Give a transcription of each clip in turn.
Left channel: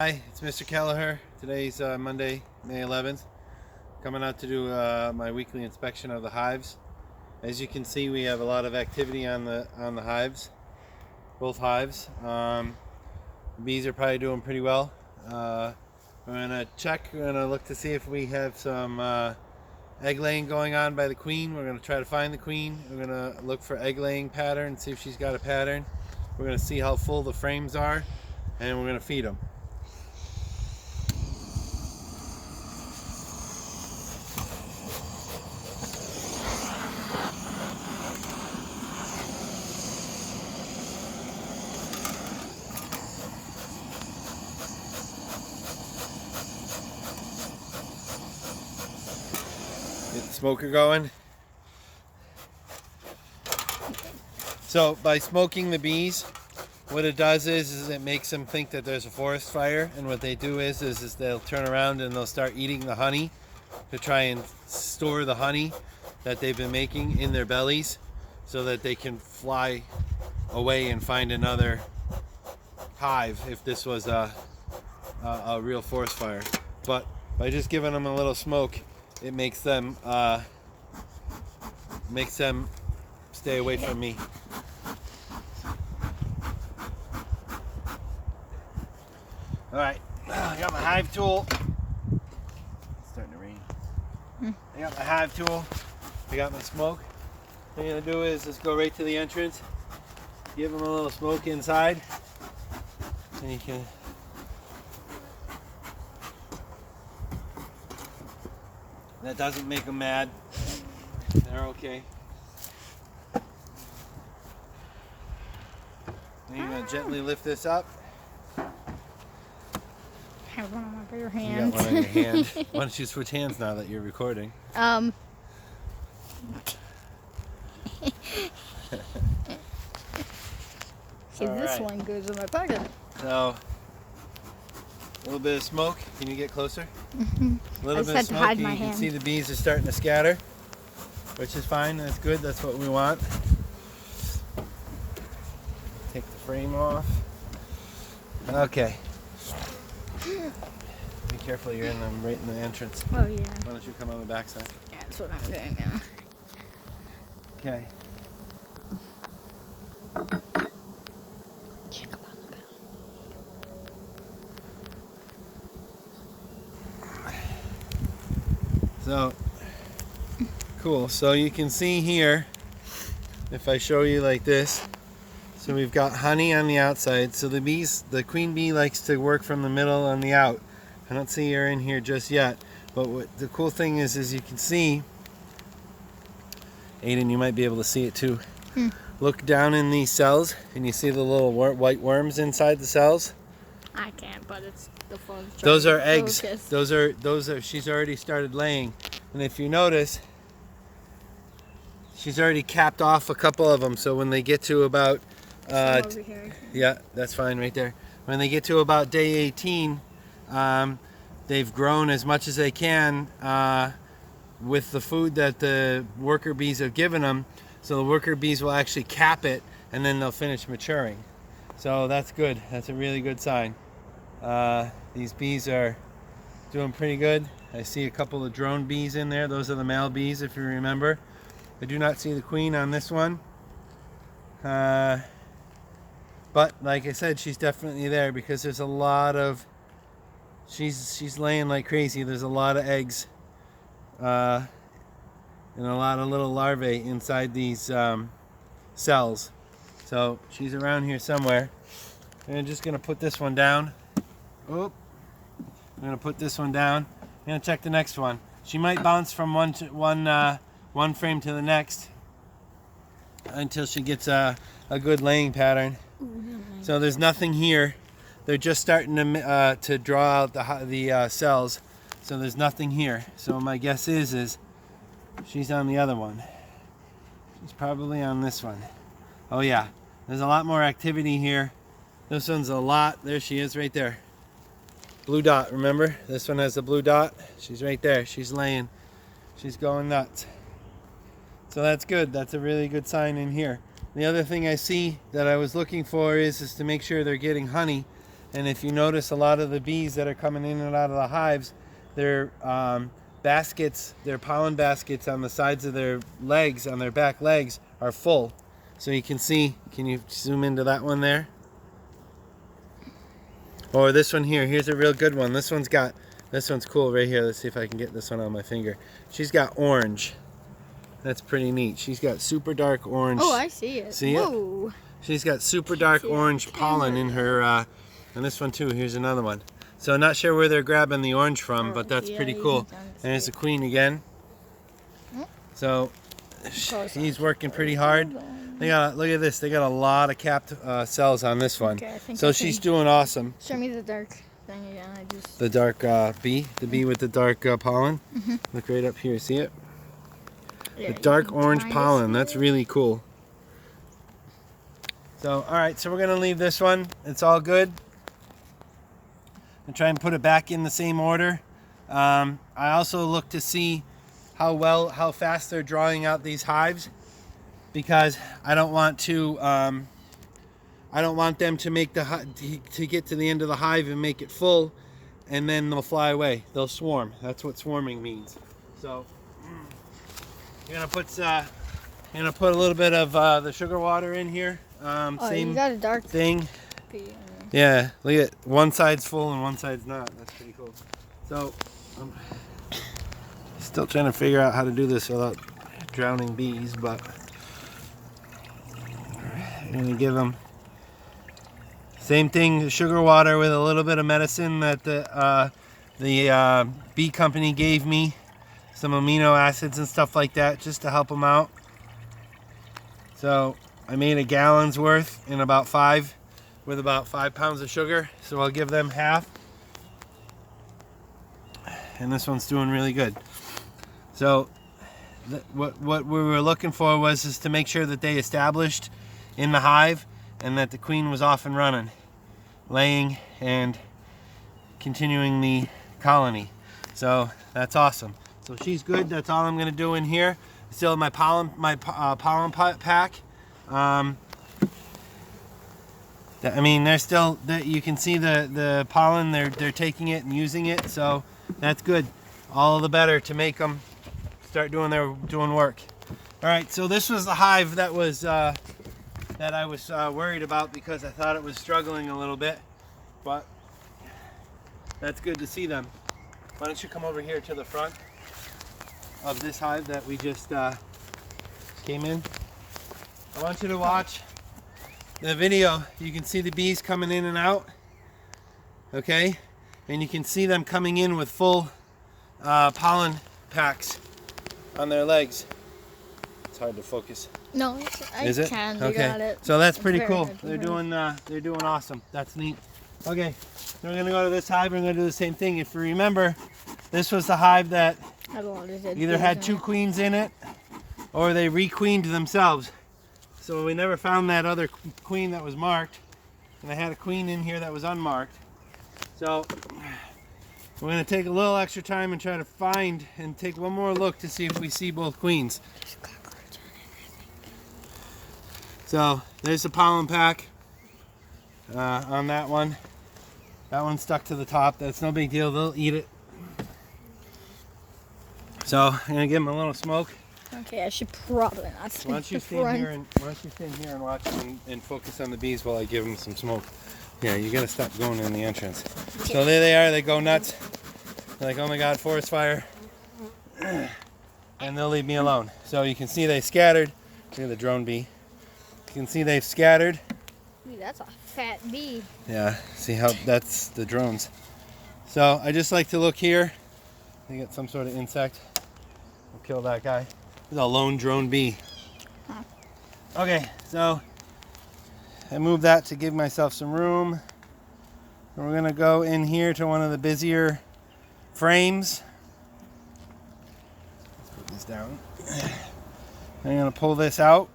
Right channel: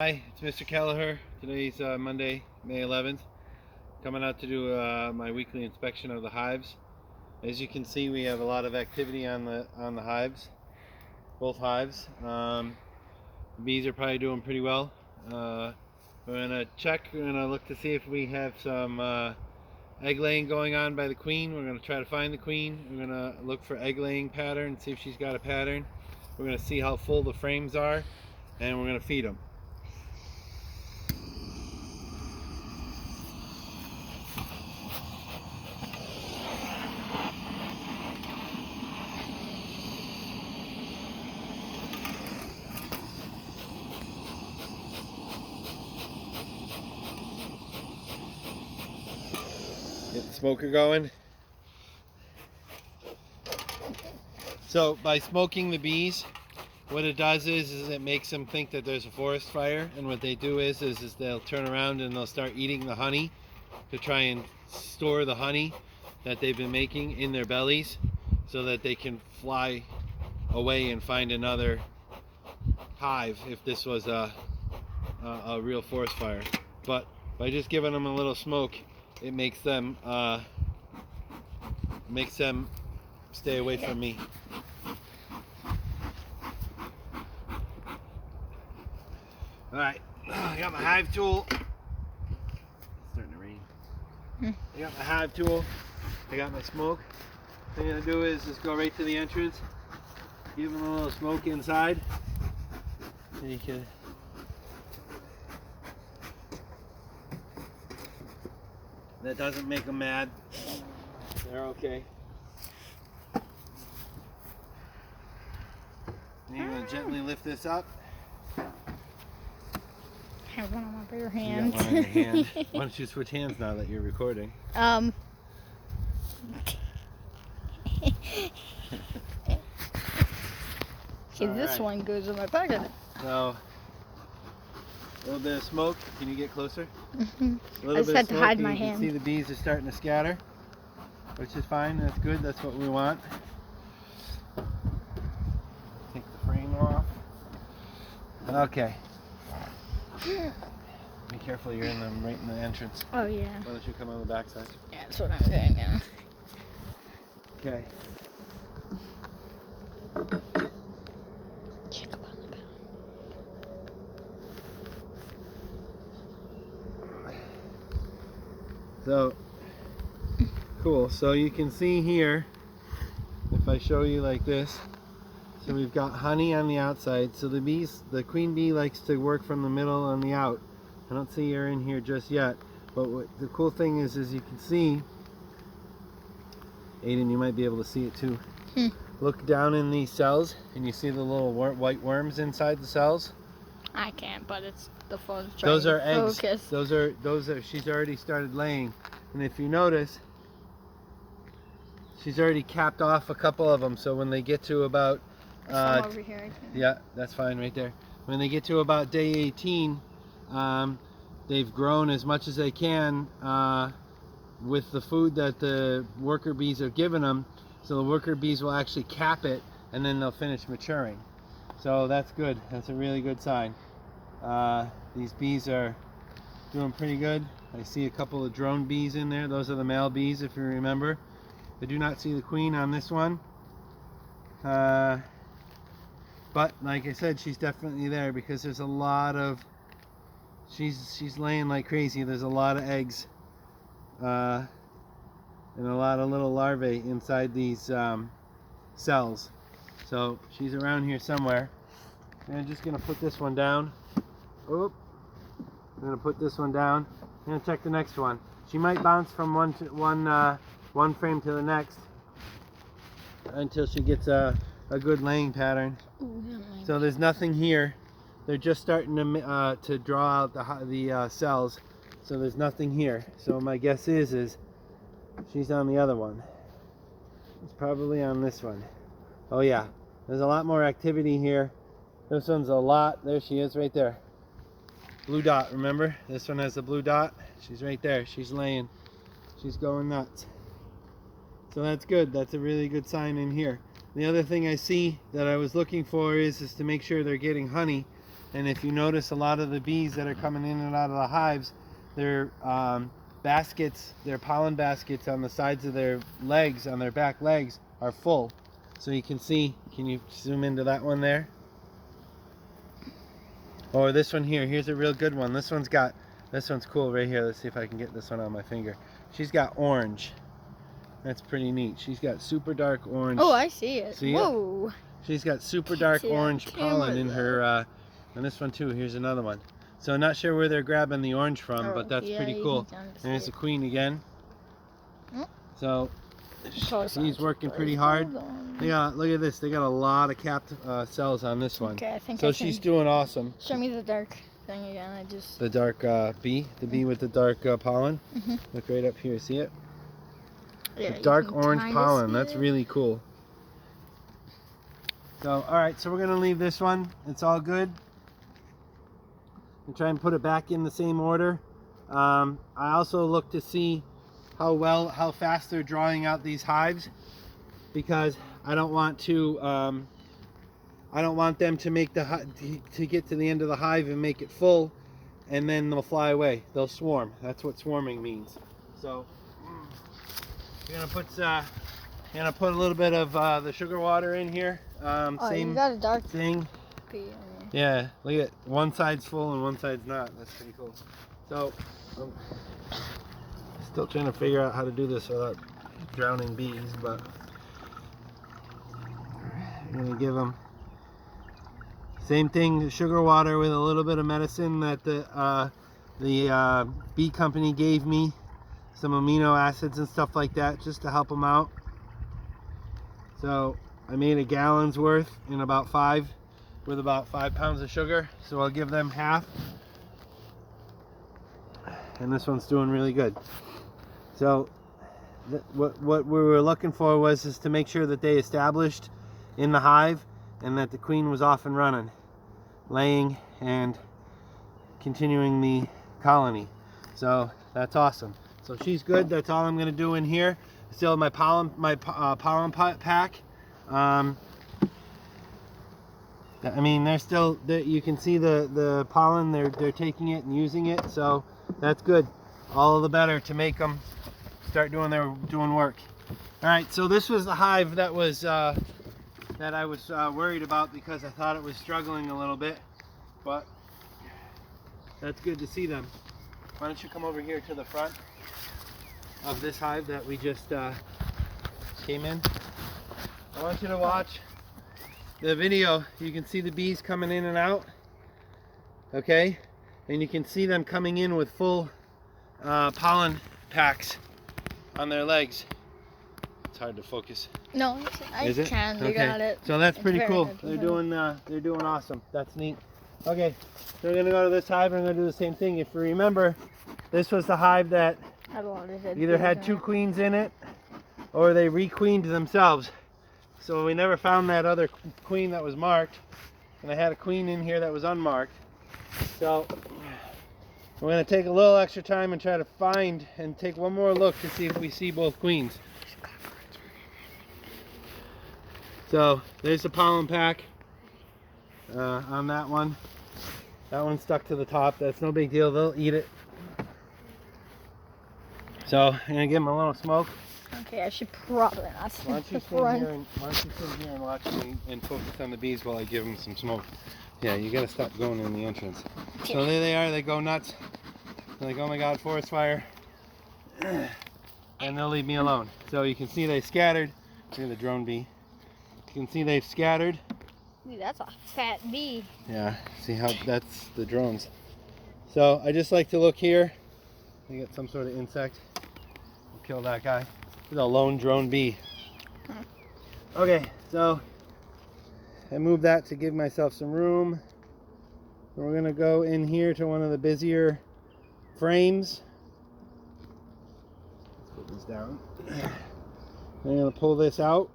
Hi, it's Mr. Kelleher. Today's Monday, May 11th. Coming out to do my weekly inspection of the hives. As you can see, we have a lot of activity on the hives, both hives. Bees are probably doing pretty well. We're gonna check. We're gonna look to see if we have some egg laying going on by the queen. We're gonna try to find the queen. We're gonna look for egg laying pattern, see if she's got a pattern. We're gonna see how full the frames are, and we're gonna feed them. Get the smoker going. So by smoking the bees, what it does is it makes them think that there's a forest fire, and what they do is they'll turn around and they'll start eating the honey to try and store the honey that they've been making in their bellies so that they can fly away and find another hive if this was a real forest fire. But by just giving them a little smoke, it makes them stay away from me. All right, I got my hive tool. It's starting to rain. I got my hive tool. I got my smoke. What I'm gonna do is just go right to the entrance, give them a little smoke inside, and you can. That doesn't make them mad. They're okay. Then you're gonna gently lift this up. I have one on my bare You hand. got one on your hand. Why don't you switch hands now that you're recording? See, this one goes in my pocket. So, a little bit of smoke. Can you get closer? A I little just bit had of to smoke. hide You my can hand. see the bees are starting to scatter, which is fine. That's good. That's what we want. Take the frame off. Okay. Be careful. You're right in the entrance. Oh, yeah. Why don't you come on the back side? Yeah, that's what I'm doing now. Okay. Check up on the bell. So, cool. So you can see here, if I show you like this, so we've got honey on the outside. So the queen bee likes to work from the middle on the out. I don't see her in here just yet, but what the cool thing is you can see, Aiden, you might be able to see it too. Look down in these cells, and you see the little white worms inside the cells. I can't, but it's the phone's trying Those to are eggs. focus. Those are. She's already started laying, and if you notice, she's already capped off a couple of them. So when they get to about, Some over here. yeah, that's fine right there. When they get to about day 18, they've grown as much as they can with the food that the worker bees have given them. So the worker bees will actually cap it, and then they'll finish maturing. So that's good. That's a really good sign. These bees are doing pretty good. I see a couple of drone bees in there. Those are the male bees, if you remember. I do not see the queen on this one. But like I said, she's definitely there because there's a lot of, she's laying like crazy. There's a lot of eggs and a lot of little larvae inside these cells. So she's around here somewhere. And I'm just gonna put this one down. Oop. I'm gonna put this one down. I'm gonna check the next one. She might bounce from one frame to the next until she gets a good laying pattern. So there's nothing here. They're just starting to draw out the cells. So there's nothing here. So my guess is she's on the other one. She's probably on this one. Oh yeah, there's a lot more activity here. This one's a lot. There she is right there. Blue dot, remember? This one has a blue dot. She's right there. She's laying. She's going nuts. So that's good. That's a really good sign in here. The other thing I see that I was looking for is to make sure they're getting honey. And if you notice, a lot of the bees that are coming in and out of the hives, their baskets, their pollen baskets on the sides of their legs, on their back legs, are full. So you can see, can you zoom into that one there? Or this one here, here's a real good one. This one's cool right here. Let's see if I can get this one on my finger. She's got orange. That's pretty neat. She's got super dark orange. Oh, I see it. See it? Whoa. She's got super dark See it on orange pollen in her, and this one too. Here's another one. So I'm not sure where they're grabbing the orange from, but that's pretty cool. And it's a queen again. So he's working pretty hard. They got, look at this. They got a lot of capped cells on this one. Okay, I think so she's doing awesome. Show me the dark thing again. The dark bee, the bee with the dark pollen. Look right up here. See it? Yeah, The dark orange kinda pollen. see That's it. really cool. So, all right. So we're gonna leave this one. It's all good. And try and put it back in the same order. I also look to see how fast they're drawing out these hives, because I don't want them to make to get to the end of the hive and make it full, and then they'll fly away. They'll swarm. That's what swarming means. So you're gonna put a little bit of the sugar water in here. Oh, Same you got a dark thing. bee. Yeah, look at one side's full and one side's not. That's pretty cool. So, I'm still trying to figure out how to do this without drowning bees, but I'm gonna give them same thing, sugar water with a little bit of medicine that the bee company gave me, some amino acids and stuff like that, just to help them out. So I made a gallon's worth in about 5 pounds of sugar, so I'll give them half. And this one's doing really good. So what we were looking for was to make sure that they established in the hive and that the queen was off and running, laying and continuing the colony. So that's awesome. So she's good. That's all I'm going to do in here. Still my pollen pack. I mean, they're still, you can see the pollen, they're taking it and using it, so that's good. All the better to make them start doing work. All right, so this was the hive that I was worried about, because I thought it was struggling a little bit, but that's good to see them. Why don't you come over here to the front of this hive that we just came in. I want you to watch the video. You can see the bees coming in and out, okay, and you can see them coming in with full pollen packs on their legs. It's hard to focus. No, I Is it? can. Okay. You got it. So that's It's pretty very cool. hard to They're do. doing awesome. That's neat. Okay, we're gonna go to this hive. We're gonna do the same thing. If you remember, this was the hive that Had a lot of dead either bees had in 2 it. queens in it, or they requeened themselves. So we never found that other queen that was marked, and I had a queen in here that was unmarked. So we're going to take a little extra time and try to find and take one more look to see if we see both queens. So there's the pollen pack on that one. That one's stuck to the top. That's no big deal. They'll eat it. So I'm going to give them a little smoke. Okay, I should probably not Why stand don't you the stand front. here and watch them and focus on the bees while I give them some smoke. Yeah, you gotta stop going in the entrance. So there they are. They go nuts. They're like, oh my God, forest fire. And they'll leave me alone. So you can see they scattered. Look at the drone bee. You can see they've scattered. Ooh, that's a fat bee. Yeah, see how that's the drones. So I just like to look here. They get some sort of insect. We'll kill that guy. He's a lone drone bee. Okay, so I moved that to give myself some room. We're gonna go in here to one of the busier frames. Let's put this down. I'm gonna pull this out.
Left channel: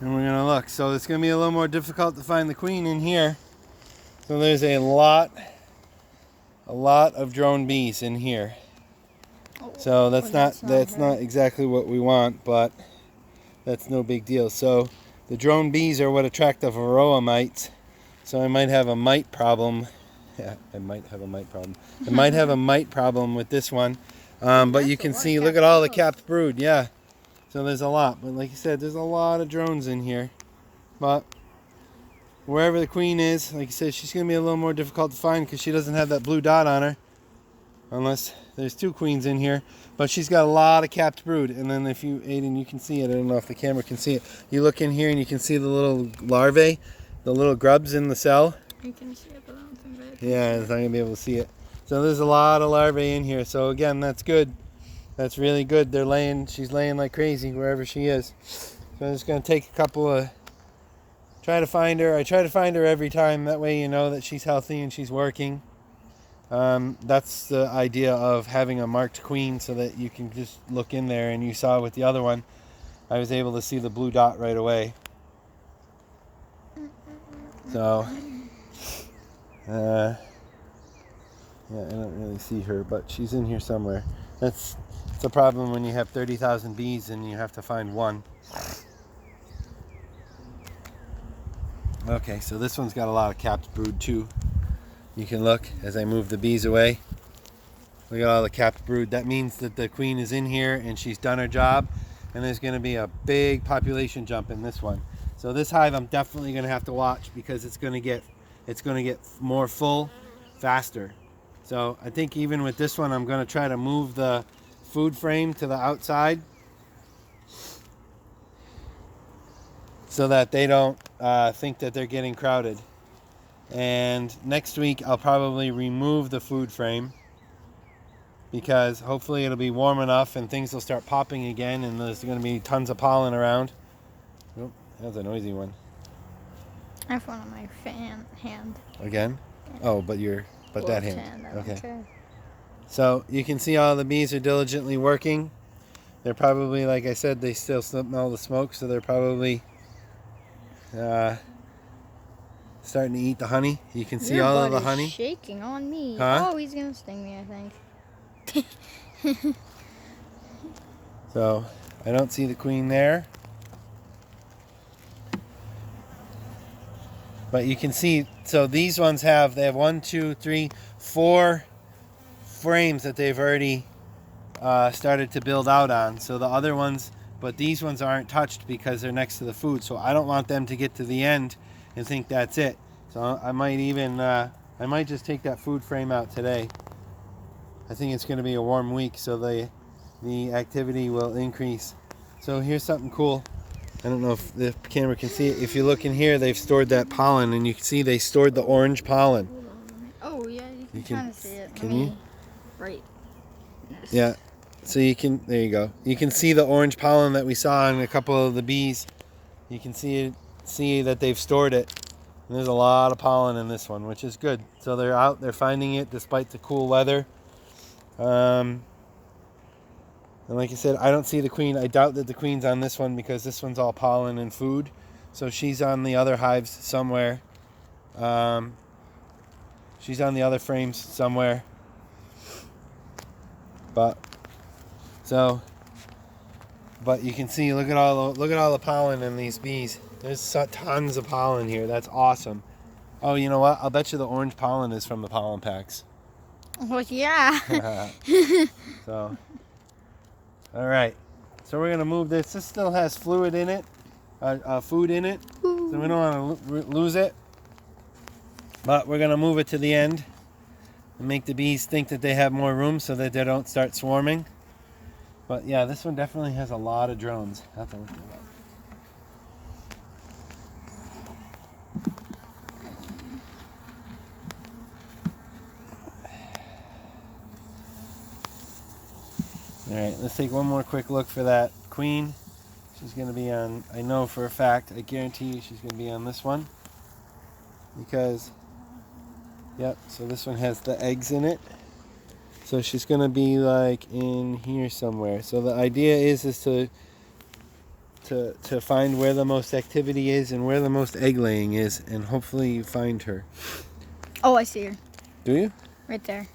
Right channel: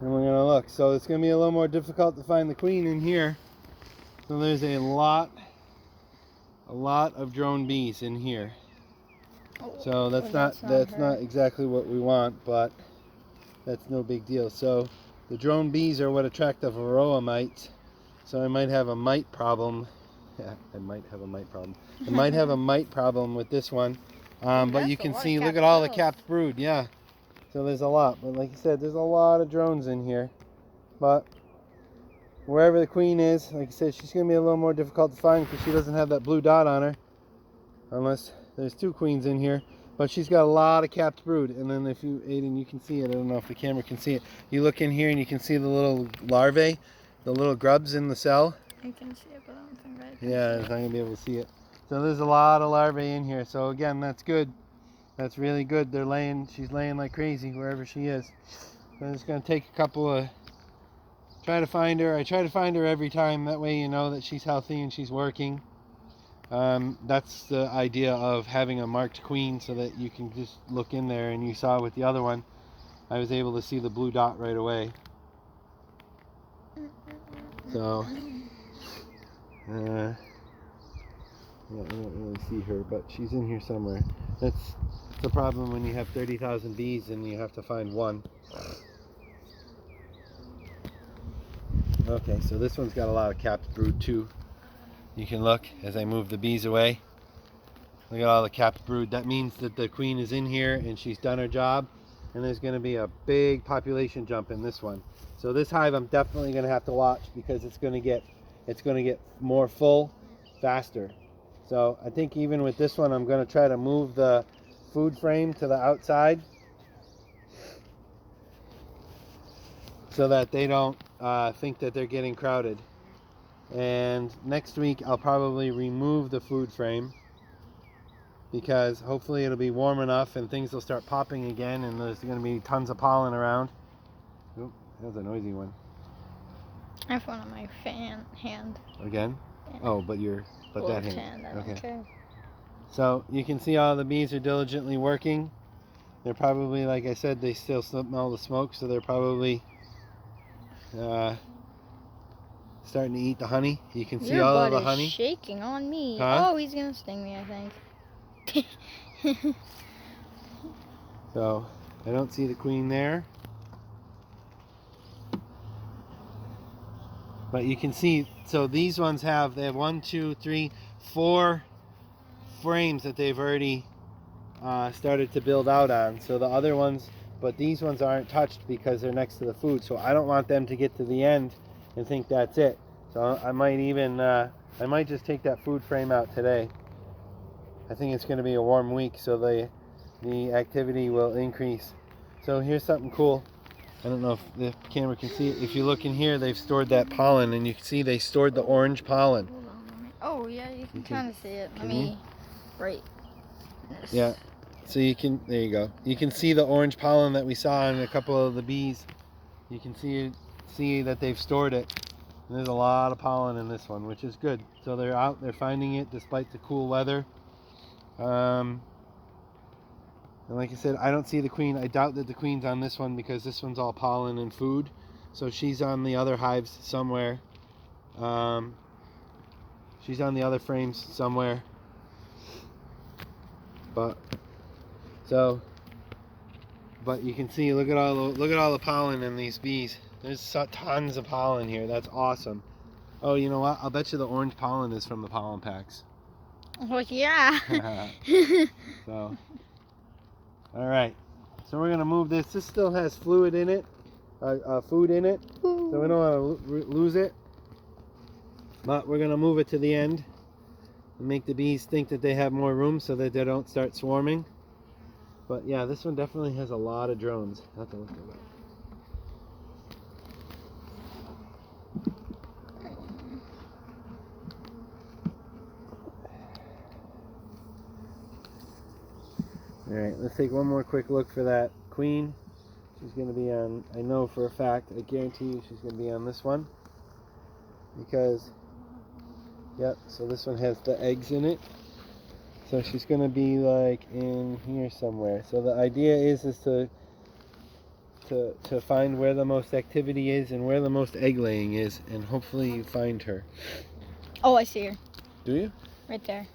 And we're gonna look. So it's gonna be a little more difficult to find the queen in here. So there's a lot of drone bees in here. So well, that's not exactly what we want, but that's no big deal. So The drone bees are what attract the varroa mites. So I might have a mite problem. Yeah, I might have a mite problem. I might have a mite problem with this one. But That's you a can lot of see, look capped at all the brood. capped brood. Yeah. So there's a lot. But like I said, there's a lot of drones in here. But wherever the queen is, like I said, she's going to be a little more difficult to find because she doesn't have that blue dot on her. Unless there's two queens in here. But she's got a lot of capped brood. And then if you, Aiden, you can see it. I don't know if the camera can see it. You look in here and you can see the little larvae, the little grubs in the cell. You can see it, but I don't think I can. Yeah, it's not going to be able to see it. So there's a lot of larvae in here. So again, that's good. That's really good. They're laying, she's laying like crazy wherever she is. So I'm just going to take a couple of, try to find her. I try to find her every time. That way you know that she's healthy and she's working. That's the idea of having a marked queen so that you can just look in there, and you saw with the other one, I was able to see the blue dot right away. So, yeah, I don't really see her, but she's in here somewhere. That's a problem when you have 30,000 bees and you have to find one. Okay, so this one's got a lot of capped brood too. You can look as I move the bees away. Look at all the capped brood. That means that the queen is in here and she's done her job, and there's going to be a big population jump in this one. So this hive I'm definitely going to have to watch because it's going to get more full faster. So I think even with this one I'm going to try to move the food frame to the outside so that they don't think that they're getting crowded. And next week I'll probably remove the food frame because hopefully it'll be warm enough and things will start popping again, and there's going to be tons of pollen around. Oh, that was a noisy one. I have one on my hand. Again? Yeah. Oh, but that hand. I don't care. So you can see all the bees are diligently working. They're probably, like I said, they still smell the smoke, so they're probably starting to eat the honey. You can see Your all of butt the honey. is shaking on me. Huh? Oh, he's gonna sting me, I think. So I don't see the queen there. But you can see, so these ones they have 1, 2, 3, 4 frames that they've already started to build out on. So the other ones, but these ones aren't touched because they're next to the food. So I don't want them to get to the end and think that's it. So I might even, I might just take that food frame out today. I think it's going to be a warm week, so the activity will increase. So here's something cool. I don't know if the camera can see it. If you look in here, they've stored that pollen, and you can see they stored the orange pollen. Hold on. Oh, yeah, you can can- kind of see it. can Let me. you? Right. Yeah. So you can, there you go. You can see the orange pollen that we saw in a couple of the bees. You can see that they've stored it. And there's a lot of pollen in this one, which is good. So they're out, they're finding it despite the cool weather. And like I said, I don't see the queen. I doubt that the queen's on this one because this one's all pollen and food. So she's on the other hives somewhere. She's on the other frames somewhere. But you can see, look at all the pollen in these bees. There's tons of pollen here. That's awesome. Oh, you know what? I'll bet you the orange pollen is from the pollen packs. Well, yeah. So, all right. So we're gonna move this. This still has fluid in it, food in it. So we don't want to lose it. But we're gonna move it to the end and make the bees think that they have more room so that they don't start swarming. But yeah, this one definitely has a lot of drones. I have to look it up. Alright, let's take one more quick look for that queen. She's going to be on, I know for a fact, I guarantee you she's going to be on this one. Because, yep, so this one has the eggs in it. So she's going to be like in here somewhere. So the idea is to find where the most activity is and where the most egg laying is, and hopefully you find her. Oh, I see her. Do you? Right there.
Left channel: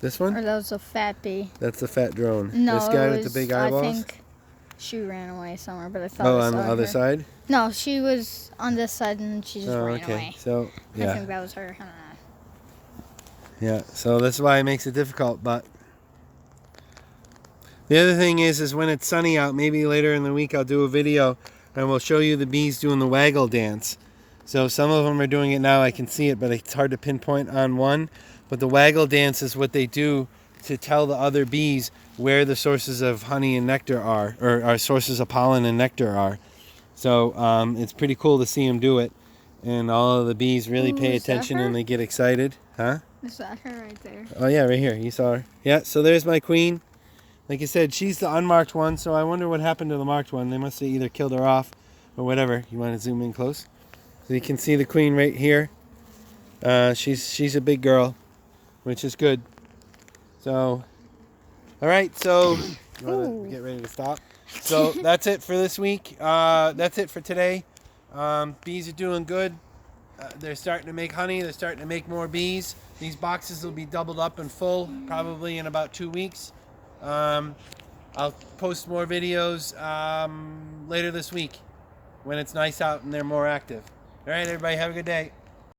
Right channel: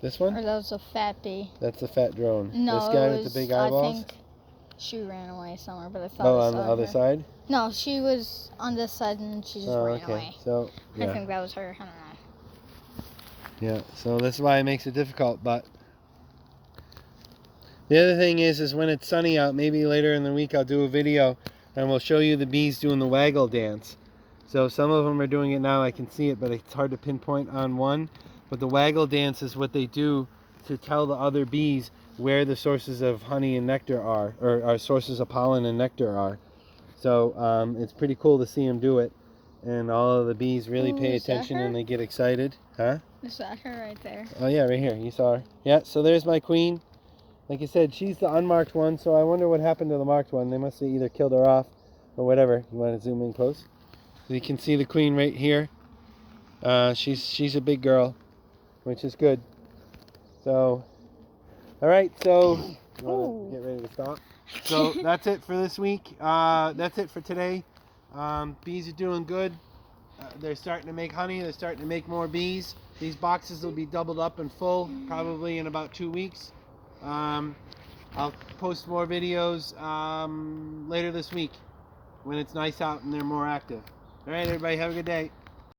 This Or one? that was a fat bee. That's the fat drone. No, this guy it with was, the big eyeballs? I think she ran away somewhere, but I thought Oh, I on saw the other her. side? No, she was on this side and she just Oh, ran okay. away. So, I yeah. think that was her. I don't know. Yeah, so that's why it makes it difficult, but the other thing is when it's sunny out, maybe later in the week I'll do a video and we'll show you the bees doing the waggle dance. So some of them are doing it now, I can see it, but it's hard to pinpoint on one. But the waggle dance is what they do to tell the other bees where the sources of honey and nectar are, or our sources of pollen and nectar are. So it's pretty cool to see them do it. And all of the bees really Ooh, pay is that attention her? and they get excited. Huh? Is that her right there? Oh yeah, right here. You saw her. Yeah, so there's my queen. Like I said, she's the unmarked one, so I wonder what happened to the marked one. They must have either killed her off or whatever. You want to zoom in close? So you can see the queen right here. She's a big girl, which is good. So, all right, so you want Ooh. to get ready to stop? So that's it for this week. That's it for today. Bees are doing good. They're starting to make honey. They're starting to make more bees. These boxes will be doubled up and full probably in about 2 weeks. I'll post more videos later this week when it's nice out and they're more active. All right, everybody, have a good day.